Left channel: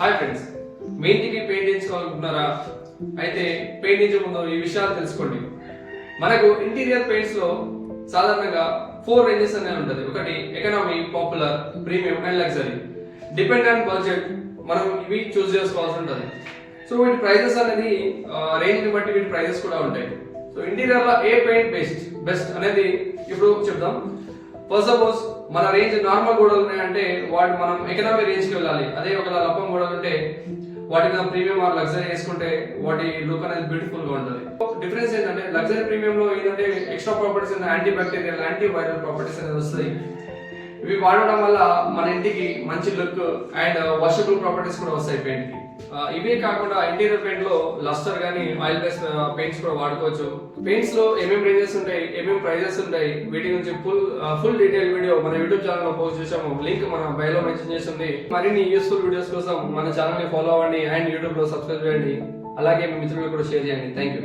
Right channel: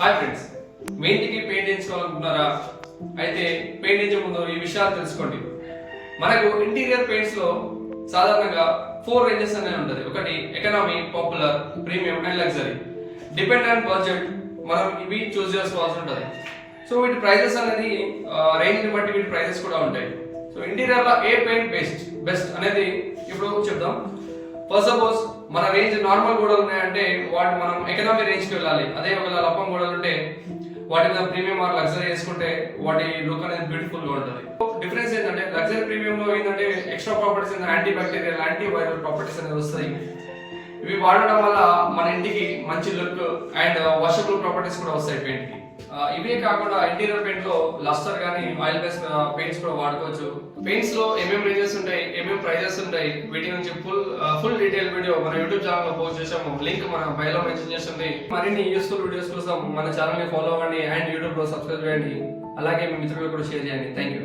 Hi friends, మీ ఇంటికి paint వేయించుకోవాలనుకుంటున్నారా? అయితే paint వేయించే ముందు ఈ విషయాలు తెలుసుకోండి. మనకు ఇంటీరియర్ పెయింట్స్ లో సాధారణంగా 4 రేంజెస్ అనేవి ఉంటుంది. ఒకటి economy, popular, premium and luxury. Depend on budget మనం ఇవి చూస్ చేసుకోవాల్సి ఉంటుంది. సో వీటి ప్రైజెస్ అనేది రేంజ్ ని బట్టి వీటి ప్రైజెస్ కూడా ఉంటాయి. సో ఇంటీరియర్ లో ఏ పెయింట్ బెస్ట్ అనేది ఇప్పుడు చెప్దాం. ఫస్ట్ సపోజ్ మన రేంజ్ నార్మల్ గోడలు ఉన్నాయంటే వాటి మనం ఎకనామీ రేంజ్కి వెళ్ళాలి. అదే ఒకవేళ లప్పం గోడలు ఉంటే వాటి మీద ప్రీమియం ఆర్ లగ్జరీ వేసుకుంటే వాటి లుక్ అనేది బ్యూటిఫుల్ గా ఉంటుంది. డిఫరెన్స్ ఏంటంటే లగ్జరీ ప్రీమియం లో ఏంటంటే extra properties, anti bacterial, anti viral properties అనేది వస్తాయి. ఇవి వాడడం వల్ల మన ఇంటికి మంచి లుక్ అండ్ వాషబుల్ ప్రాపర్టీస్ కూడా వస్తాయి పెయింట్ కి. ఇవే కాకుండా ఇంటీరియర్ పెయింట్ లో లస్టర్ గానీ ఆయిల్ బేస్ పెయింట్స్ కూడా వాడుకోవచ్చు. పెయింట్స్ లో ఏమేమి రేంజెస్ ఉంటాయి, ఏమేమి ప్రైజెస్ ఉంటాయి, వీటి గురించి ఫుల్ డీటెయిల్ వీడియో మన యూట్యూబ్ ఛానల్ లో పోస్ట్ చేసాము. లింక్ మన బయోలో మెన్షన్ చేస్తుంది. మరిన్ని యూస్ఫుల్ వీడియోస్ కోసం మన ఛానల్ ని ఫాలో అవ్వండి అండ్ యూట్యూబ్ లో సబ్స్క్రైబ్ చేయండి. అలాగే మీ మిత్రులకు కూడా షేర్ చేయండి. Thank you.